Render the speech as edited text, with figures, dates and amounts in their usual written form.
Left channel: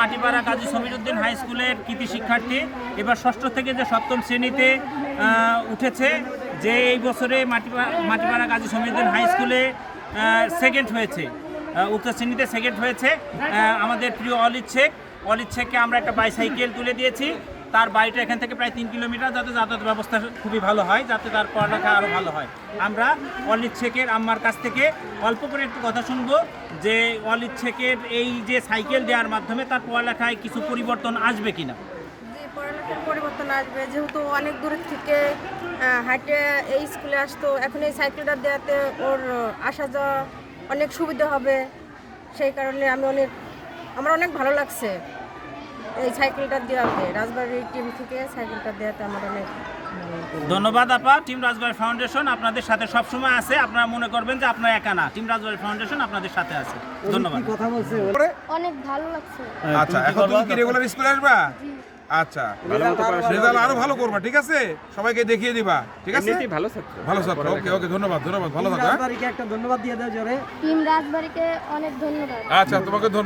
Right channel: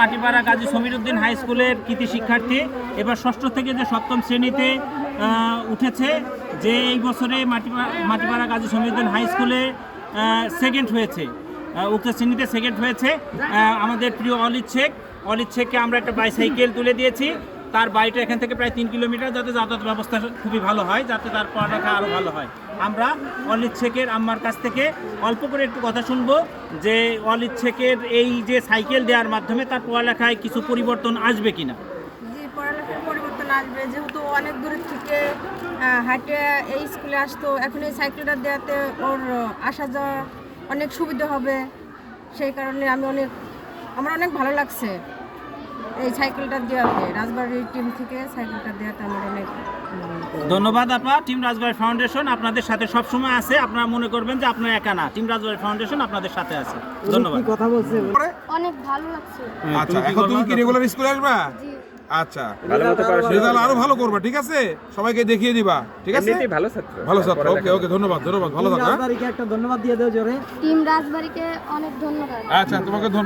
মাটিপাড়া Gazi সমীরউদ্দিন high স্কুলের কৃতি শিক্ষার্থী এবার ষষ্ঠ থেকে যে সপ্তম শ্রেণীতে উঠেছে, যে এই বছরে মাটিপাড়া গাজী সমীরউদ্দিন হাই স্কুলে সেকেন্ড হয়েছে, উক্ত শ্রেণীতে সেকেন্ড হয়েছে আমাদের প্রিয় অলিদ শেখকে আমরা একটা বাইসাইকেল তুলে দিয়েছি। তার বাড়িটা এখান থেকে প্রায় 3 কিলোমিটার, যাতে যাতায়াত ব্যবস্থা খুবই ভালো হয়, যাতে তার পড়ালেখা আরও ভালো হয়। আমরা অলিদ শেখের আম্মার কাছ থেকে অল্প করে একটু কথা শুনবো যে অলিদ শেখের এই যে সাইকেল দেওয়ার মাধ্যমে তার পড়ালেখায় কিছু পরিবর্তন আসবে কিনা। জি, পড়ালেখার পরিবর্তন আসবে, যেহেতু অনেক দূর থেকে হাঁটে এই স্কুলে আসতো, এখন এই সাইকেলটা দেওয়াতে ওর আসা যাওয়া অনেক সুবিধা হবে। সেই কারণে আমার অনেক ভালো লাগছে এই সাইকেলটা দেওয়াতে, রাজবাড়ির টিম থেকে সাইকেলটা দেওয়াতে আমার অনেক ধন্যবাদ আপা। টিম রাজবাড়ি ফাউন্ডেশন আপনাদের সাথে সবসময় আছে, আপনারা মনে করবেন যে আপনারা একা না, টিম রাজবাড়ি ফাউন্ডেশন আপনাদের সাথে আছে। ধন্যবাদ। কথা বলছে অনেক ভালো লাগছে। আচ্ছা, এখন তুমি কি রেগুলার স্কুলে আসবা? জি। আচ্ছা, রেজাল্ট আরো ভালো করবা, ঠিক আছে? সবাইকে দেখিয়ে দিবা, ঠিক আছে? ভালো ছাত্র। ওকে ওকে, ধন্যবাদ ধন্যবাদ, ভালো থাকো। রাজবাড়িকে একটা ধন্যবাদ দিয়ে দাও জোরে। টিম রাজবাড়িকে অনেক ধন্যবাদ। আচ্ছা, তোমাকে ধন্যবাদ।